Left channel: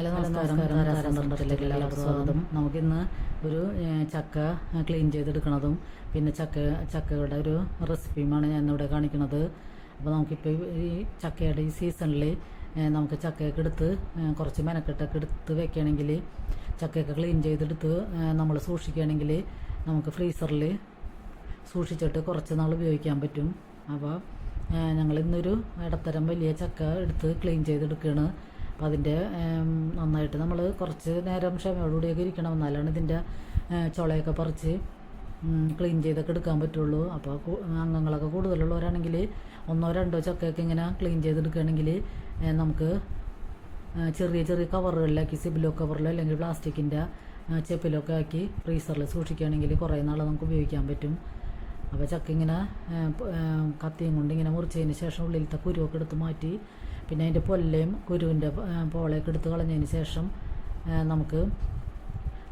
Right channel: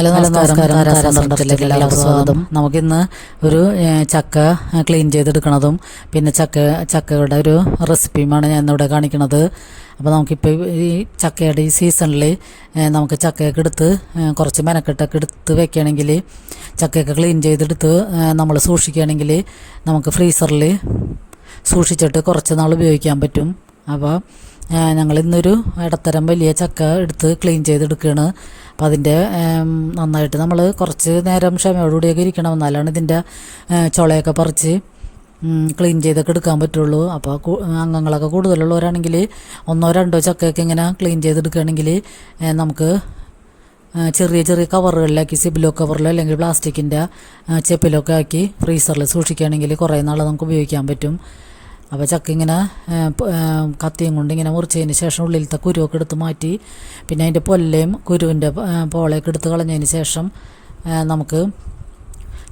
Hello നമസ്കാരം. താരാസന്ദർഭത്തിലേക്ക് എല്ലാവർക്കും സ്വാഗതം. നമുക്കിന്ന് ഒരു ചക്ക ക്ലീൻ ചെയ്തെടുക്കണതും പിന്നെ ചക്കയുടെ ഒരു റെസിപ്പിയുമാണ് ഞാൻ ഇന്നിവിടെ കാണിക്കുന്നത്. അപ്പോൾ നമുക്കിപ്പോൾ ഈ ചക്കയുടെ ഈ സീസണിൽ നമുക്ക് ചക്കയൊക്കെ എടുത്ത് കുറച്ച് മെനക്കെട്ടൊക്കെ എടുത്ത് വെക്കുകയാണെങ്കിൽ, ചക്കയൊക്കെ ക്ലീൻ ചെയ്തെടുത്ത് നമ്മൾ സൂക്ഷിക്കുകയാണെങ്കിൽ നമുക്ക് ഫ്രീസറിൽ സൂക്ഷിച്ചിട്ട് കുറച്ച് നാൾ ഉപയോഗിക്കാൻ പറ്റും. അപ്പോൾ ഞങ്ങളിന്നൊരു ഇടത്തരം വലിയ ചക്ക എടുത്ത് ക്ലീൻ ചെയ്തെടുക്കുകയാണ്. അപ്പോൾ അതിൻ്റെ നന്നായിട്ട് നമ്മൾ കുറച്ച് നേരം ക്ഷമയോടുകൂടിയൊക്കെ ഇരിക്കണം, എന്നാലാണ് ഇതിൻ്റെ ചുളയൊക്കെ പറിച്ച് ക്ലീൻ ചെയ്തൊക്കെ എടുക്കാൻ പറ്റുള്ളൂ. അപ്പോൾ അംഗങ്ങളൊക്കെ കൂടുതലുള്ളവരാണെങ്കിൽ ഒന്നോ രണ്ടോ ചക്കയൊക്കെ ഇങ്ങനെ ക്ലീൻ ചെയ്തെടുക്കുകയാണെങ്കിൽ നമുക്ക് ചെറിയ ചെറിയ കവറുകളിലാക്കി, സിബിലോ കവറിലോ അല്ലെങ്കിൽ പ്ലാസ്റ്റിക്കിൻ്റെ ചെപ്പിലൊക്കെ ആക്കി ഫ്രീസറിൽ സൂക്ഷിക്കുകയാണെങ്കിൽ കുറേ നാൾ നമുക്ക് ഉപയോഗിക്കാൻ പറ്റും. അപ്പോൾ ചക്ക ഇങ്ങനെ കത്തിയും കൊണ്ട് ഇങ്ങനെ മുറിച്ചതിന് ശേഷം ഉള്ളിലത്തെ കുരുവൊക്കെ എടുത്ത് മാറ്റി, പിന്നെ അതിൻ്റെ പൊല്ലയും കുരുവിൻ്റെ പോളയൊക്കെ എടുത്ത് കളഞ്ഞതിന് ശേഷം നമുക്ക്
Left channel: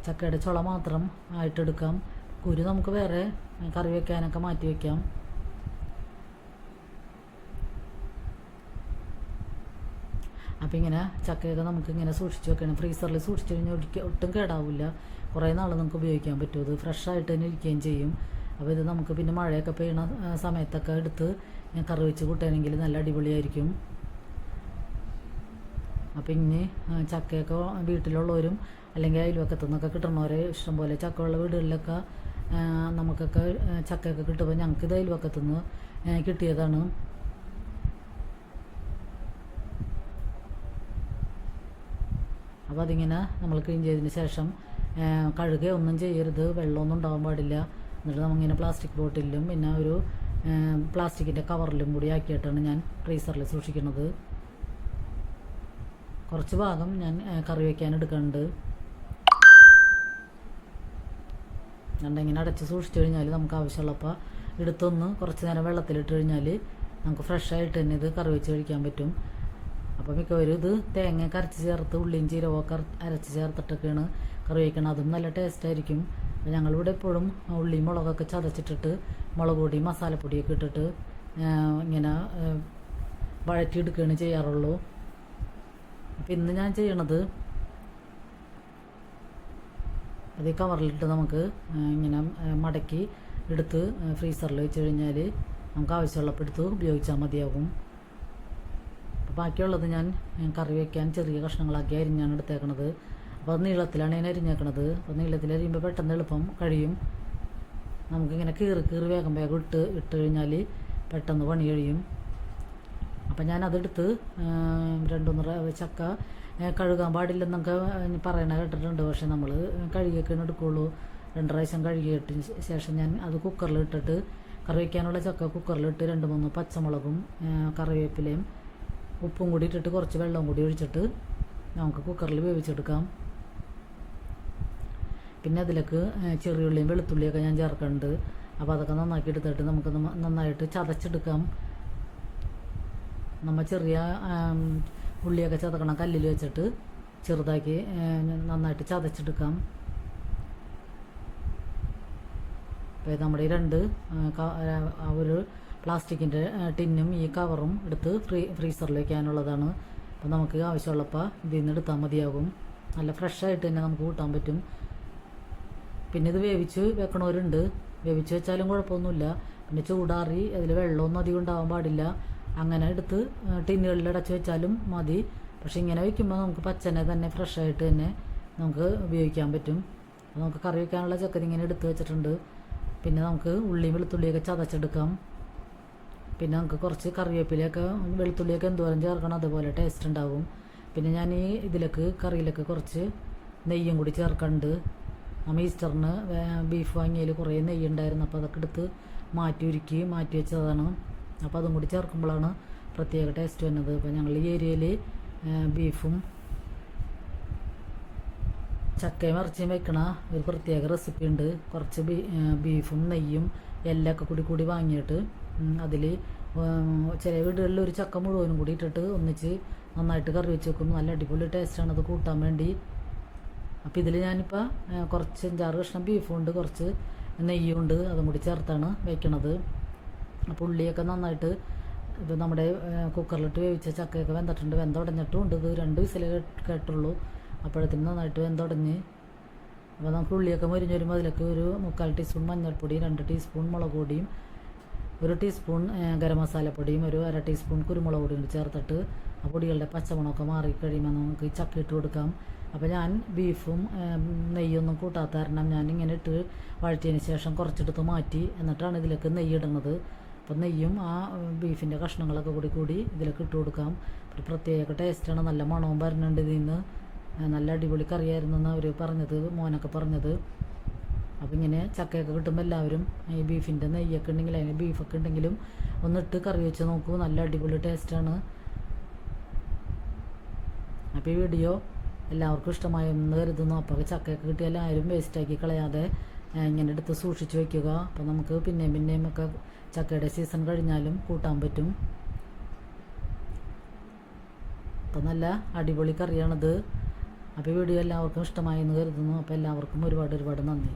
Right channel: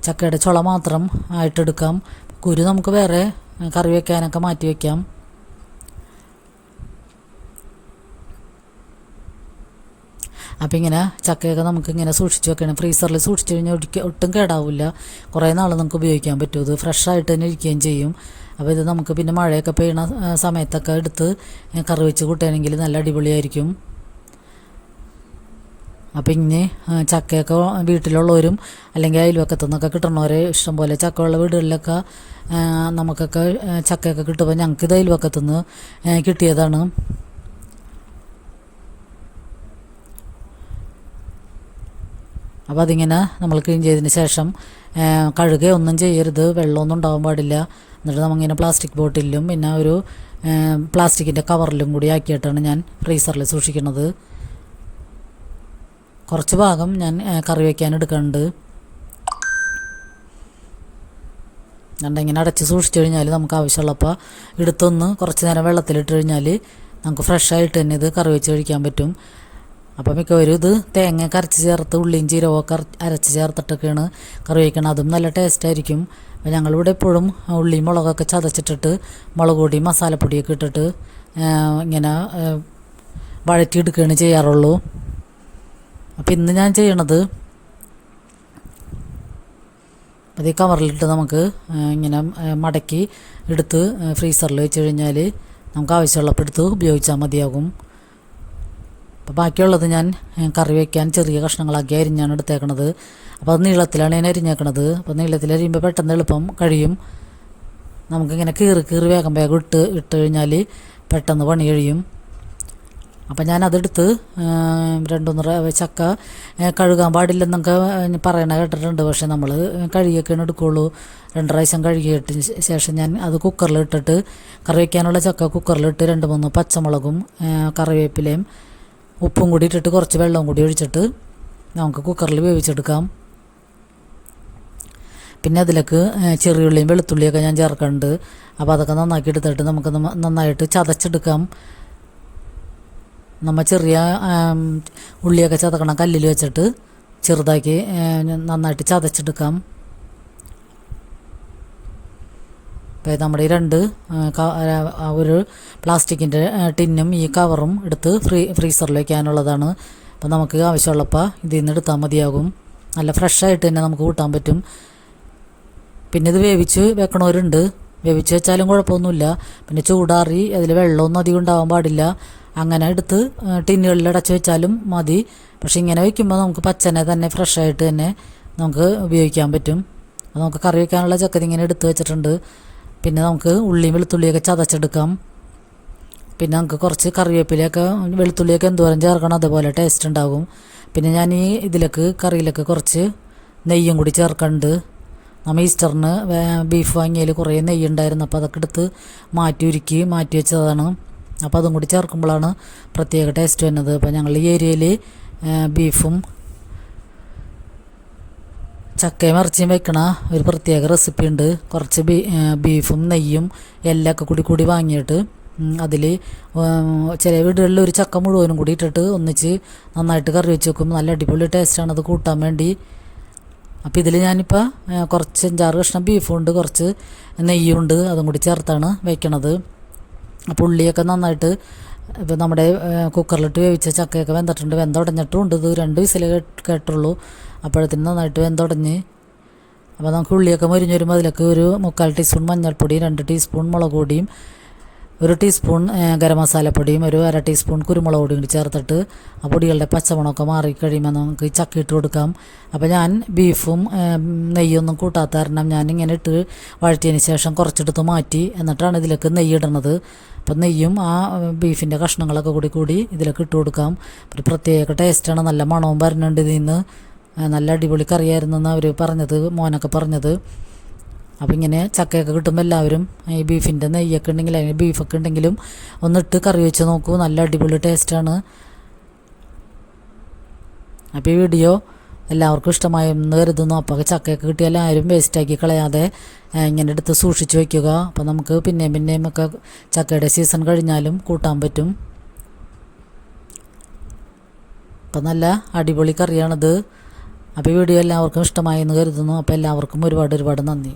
ചക്കയുടെ ചുള മാത്രം ആയിട്ടെടുക്കാം. കുരു നമുക്ക് വേറെ കറി വയ്ക്കാനൊക്കെ മാറ്റി വയ്ക്കാം. അപ്പോൾ ഇങ്ങനെ ചക്കയൊക്കെ നമുക്കിങ്ങനെ സൂക്ഷിച്ച് വെക്കണം. ഫ്രീസറിൽ സൂക്ഷിച്ച് കഴിഞ്ഞാൽ ഒട്ടും കേടാവില്ല, കുറേ നാൾ നമുക്ക് ഉപയോഗിക്കാൻ പറ്റും. ഇത് ഫ്രഷായിട്ട് തന്നെ ഇരിക്കുകയും ചെയ്യും. അപ്പോൾ ഇത് നമുക്ക് പിന്നെ മഴയൊക്കെ പെയ്യണ സമയത്തൊക്കെ എടുത്ത് കറി വെച്ച് കൂട്ടുകയാണെങ്കിൽ നല്ല അടിപൊളിയായിരിക്കും. അപ്പോൾ ഇനി ചക്കയൊക്കെ വീട്ടിലുള്ളവരും അല്ലെങ്കിൽ അയൽവക്കത്തു നിന്നൊക്കെ കിട്ടണവരെ ഇഷ്ടംപോലെ ചക്കയുള്ള വീടുകളിലൊക്കെ നമുക്കൊക്കെ ചക്കയൊക്കെ കിട്ടുമ്പോൾ ഞങ്ങൾക്കിത് അയൽവക്കത്തു നിന്ന് കിട്ടിയതാണ്. അപ്പോൾ അതിങ്ങനെ നമ്മൾ ക്ലീൻ ചെയ്തതിന് ശേഷം കഴുകുകയൊന്നും ചെയ്യരുത്, വെള്ളമൊന്നും ഉണ്ടാകാൻ പാടില്ല. എന്നിട്ട് നമ്മളിങ്ങനെ പ്ലാസ്റ്റിക് ബോട്ടിലും പിന്നെ ഒരു പ്ലാസ്റ്റിക്കിൻ്റെ കവറിലും കൂടി ആക്കിയിട്ടാണ് ഞാൻ ഫ്രീസറിൽ സൂക്ഷിക്കുന്നത്. കുറച്ച് ഭാഗം ഞാൻ കറി വയ്ക്കാൻ എടുക്കുന്നുണ്ട്. ഇങ്ങനെ അടച്ച് സൂക്ഷിച്ചു കഴിഞ്ഞാൽ നമുക്ക് ആവശ്യമുള്ളപ്പോൾ എടുത്തൊന്ന് കുറച്ച് നേരം വെള്ളത്തിലിട്ട് കഴിഞ്ഞാൽ നമുക്ക് ഫ്രഷായിട്ട് തന്നെ ഇത് കറി വെച്ച് കഴിക്കാൻ പറ്റും. അപ്പോൾ മിക്കവരും ഇത് തേങ്ങ അരച്ച് ചേർത്ത് ഉള്ളിയും ജീരകമൊക്കെ അരച്ച് ചേർത്തിട്ടൊക്കെയാണ് കറി വയ്ക്കണം. അതും നല്ല ടേസ്റ്റായിരിക്കും. അപ്പോൾ ഞങ്ങളിവിടെ എപ്പോഴും ഉള്ളിയും മുളകൊക്കെ ചതച്ചിട്ടിട്ട് മുളക് പൊടി മസാലപ്പൊടിയൊക്കെ ഇട്ടിട്ട് ഇങ്ങനെ വഴറ്റിയെടുക്കുകയാണ് ചെയ്യാറുള്ളൂ. അപ്പോൾ ഇന്ന് ഞാൻ ചെയ്യണത് അത് ഈ കവറിലിട്ട് നമുക്ക് ഇങ്ങനെ മടക്കി എടുത്ത് ഫ്രീസറിൽ വെച്ച് കഴിഞ്ഞാൽ നമുക്ക് ആവശ്യമുള്ളപ്പോൾ എടുത്ത് ഉപയോഗിച്ചാൽ മതിയാകും. അപ്പോൾ ബാക്കിയുള്ളത് ഞാൻ കറി വയ്ക്കാൻ ചെറിയ കഷ്ണങ്ങളാക്കി അരിഞ്ഞാണ് എടുത്തേക്കണത്. അപ്പോൾ അത് നീളത്തിലാണ് ഞാൻ അരിഞ്ഞേക്കണത്. അപ്പോൾ നീളത്തിൽ അരിയുമ്പോൾ പെട്ടെന്ന് എളുപ്പം കഴിയും. നമുക്കിങ്ങനെ കീറി വേഗം ഇട്ട് കഴിഞ്ഞാൽ പെട്ടെന്ന് പണി കഴിയും. അപ്പം ഞാനതെടുത്ത് രണ്ടൊന്നര ചക്ക കഴുകാൻ പാടില്ലെന്നൊക്കെ പറയണ കേട്ടിട്ടുണ്ട്. പക്ഷേ നമ്മൾ കഴുകിയൊക്കെയാണ് എടുക്കുകയുള്ളൂ. 2 പ്രാവശ്യം കഴുകിയിട്ട് ശേഷം ഞാൻ അത് കുക്കറിലിട്ടിട്ട് കറി വയ്ക്കാനുള്ള ചക്ക കുക്കറിലിട്ട് 2-3 പച്ചമുളകും കറിവേപ്പിലയും ഉപ്പും കൂടി ഇട്ടിട്ട് കുറച്ച് വെള്ളവും കൂടി ഒഴിച്ചിട്ട് നമുക്ക് കുക്കറിൽ വേവിച്ചെടുക്കാം. പിന്നെ അതിലേക്ക് ചെറിയുള്ളിയും വെളുത്തുള്ളിയൊക്കെ ഞാൻ ചേർക്കുന്നുണ്ട്. അപ്പോൾ അതൊക്കെ നന്നാക്കി എടുത്തിട്ട് നമുക്ക് നന്നായിട്ട് ചതച്ചെടുക്കാം. നമ്മൾ ചെറിയ ഉള്ളിയൊക്കെ ചതക്കണം, കല്ലിൽ വെച്ചിട്ട് ചെറുതാക്കി നന്നായിട്ട് ചതച്ചെടുക്കാം. അപ്പോൾ നമ്മുടെ ഈ 2 ഒരു പ്ലാസ്റ്റിക്കിൻ്റെ ടിന്നും ഈ കവറും എടുത്ത് ഫ്രീസറിൽ വയ്ക്കാനുള്ളതാണ്. അപ്പോൾ നമുക്ക് ആവശ്യമുള്ളപ്പോൾ ഇതിൽ നിന്ന് എടുത്താൽ മതിയാകും. നല്ല ഫ്രഷായിട്ട് തന്നെ നമുക്ക് കൂട്ടാൻ പറ്റും. പിന്നെ ഇത് വേവിച്ച് വെക്കണവരുണ്ട്, വേവിച്ച് വെച്ചാലും കുഴപ്പമൊന്നുമില്ല. പിന്നെ ചൂടാറി അതിൽ വെള്ളമൊന്നും അധികം ഉണ്ടാകാൻ പാടില്ല. അങ്ങനെ എടുത്ത് ടിന്നുകളിൽ അടച്ച് വെച്ചാലും മതി. പക്ഷേ ഇങ്ങനെ വയ്ക്കുമ്പോൾ നമുക്ക് പച്ചനെ തന്നെ ഫ്രഷായിട്ട് തന്നെ നമുക്ക് ഉപയോഗിക്കാൻ പറ്റും. അപ്പോൾ നമുക്ക് കറി വയ്ക്കാനുള്ള ചക്കര ഇങ്ങനെ എടുത്ത് വെച്ചിട്ടുണ്ട്. പിന്നെ നമുക്ക് ഉള്ളിയും വെളുത്തുള്ളിയൊക്കെ ചതച്ചെടുക്കാം. പിന്നെ നമുക്ക് കുറച്ച് കറിവേപ്പിലയൊക്കെ വെളുത്തുള്ളിയൊക്കെ എന്തോരം ചേർക്കണം അതുപോലെ ടേസ്റ്റ് ഉണ്ടാകും. പിന്നെ ഞാൻ ഈ കറിയിലൊക്കെ കുറച്ച് നെയ്യും കൂടി ചേർക്കുന്നുണ്ട്. നമ്മൾ ഈസ്റ്ററിന് ബീഫ് വാങ്ങിയതിൽ കുറേ നെയ്യ് ഉണ്ടായിരുന്നു. അപ്പോൾ അതൊക്കെ എടുത്ത് മാറ്റി വെച്ചതാണ്. അപ്പോൾ അതും കൂടി ചേർക്കുമ്പോഴാണ് പ്രത്യേക ടേസ്റ്റ് വരുന്നത്. അപ്പോൾ ഞങ്ങൾ ഈ ഏരിയയിൽ ബീഫും ചക്കയും ഇറച്ചിയും വെക്കണ ഒരു പ്രത്യേക റെസിപ്പി ഉണ്ട്. കുറച്ച് ബീഫും നെയ്യും എല്ലൊക്കെ കൂടി വാങ്ങിയിട്ട് അതിൽ ചില വീടുകളിൽ ഒരു ചക്ക മുഴുവനും കൂടി ഇട്ടിട്ട് ഒന്നിച്ച് നന്നായിട്ട് കറി വെച്ച് വെക്കും. നല്ല അടിപൊളി ടേസ്റ്റാണ് അത് കൂട്ടാൻ വേണ്ടി. അപ്പോൾ ഇതിൽ ഞാനിപ്പോൾ കുറച്ച് 5-6 കഷ്ണം ബീഫുണ്ട്, കുറച്ച് നെയ്യുണ്ട്, അതും കൂടി ചേർത്താണ് വയ്ക്കണത്. അപ്പോൾ ഉള്ളിയൊക്കെ നന്നായിട്ട് ഇപ്പോൾ നമ്മുടെ കുക്കറിലിട്ട് വേവിച്ച ചക്കയൊക്കെ വെന്തിട്ടുണ്ട്, വെന്തുടഞ്ഞിട്ടും ഉണ്ട്. ഇത് 2 വിസിൽ കേട്ടുള്ളൂ, അപ്പോഴത്തേനും നന്നായിട്ട് വെന്തുടഞ്ഞ്. അപ്പോൾ നമുക്ക് ഉള്ളിയൊക്കെ മൊരിഞ്ഞ് വരുമ്പോൾ അതിലേക്ക് ഒരു 3/4 ടീസ്പൂൺ മഞ്ഞൾപ്പൊടി, 2 ടീസ്പൂൺ മുളക് പൊടിയും, 1 ടീസ്പൂൺ ഗരം മസാലപ്പൊടിയും, 1/2 ടീസ്പൂൺ കുരുമുളക് പൊടിയും കൂടി ചേർത്തിട്ട് ആ പൊടികളുടെ പച്ചമണമൊക്കെ മാറിക്കഴിയുമ്പോൾ നമുക്ക് ഈ ചക്ക ഇട്ട് കൊടുക്കാം. അപ്പോൾ ഞാൻ ബീഫും നെയ്യൊന്നും കൂട്ടാത്ത കാരണം ഞാൻ ഇങ്ങനെ ഇട്ട് വഴറ്റിയതിന് ശേഷം കുറച്ചെടുത്ത് മാറ്റി, എന്നിട്ടാണ് ഇതിലേക്ക് നെയ്യ് ഇടുന്നത്. അപ്പം നെയ്യും ആ ബീഫിൻ്റെ കഷ്ണങ്ങളൊക്കെ കൂടി ഇതിലേക്ക് ഇട്ട് കൊടുക്കാം. ഒരു പ്രത്യേക ടേസ്റ്റാണ്, നല്ല മണവും വരുന്നുണ്ട് ഇതിൽ നിന്ന്. നല്ല അടിപൊളി കറിയായിരുന്നെന്ന് അവർ പറഞ്ഞത്, മോനൊക്കെ പറഞ്ഞത്. അപ്പോൾ ഇങ്ങനെ ചക്കയൊക്കെ കിട്ടുമ്പോൾ എല്ലാവരും ഈ ബീഫിൻ്റെ നെയ്യൊക്കെ ഉണ്ടെങ്കിൽ അല്ലെങ്കിൽ ബീഫൊക്കെ ഉണ്ടെങ്കിലും ഒന്നിട്ട് കറി വെച്ച് നോക്കൂ, നല്ല അടിപൊളി ടേസ്റ്റാണ്. അപ്പോൾ ഈ വീഡിയോ എല്ലാവർക്കും ഇഷ്ടമായെന്ന് കരുതുന്നു. അപ്പോൾ ചക്കയൊക്കെ കിട്ടിയാൽ ആരും വേസ്റ്റാക്കി കളയാതെ ഇങ്ങനെ എടുത്ത് സൂക്ഷിച്ച് വയ്ക്കുക. അപ്പോൾ നമുക്ക് പിന്നെയും ഒക്കെ ചക്കയുടെ സീസൺ കഴിഞ്ഞാലും കൂട്ടാൻ പറ്റും. അപ്പോൾ നല്ല അടിപൊളി കറിയാണിത്. അപ്പോൾ ഈ വീഡിയോ എല്ലാവർക്കും ഇഷ്ടമായെന്ന് കരുതുന്നു. അപ്പോൾ എല്ലാവർക്കും ഒരുപാട് നന്ദി.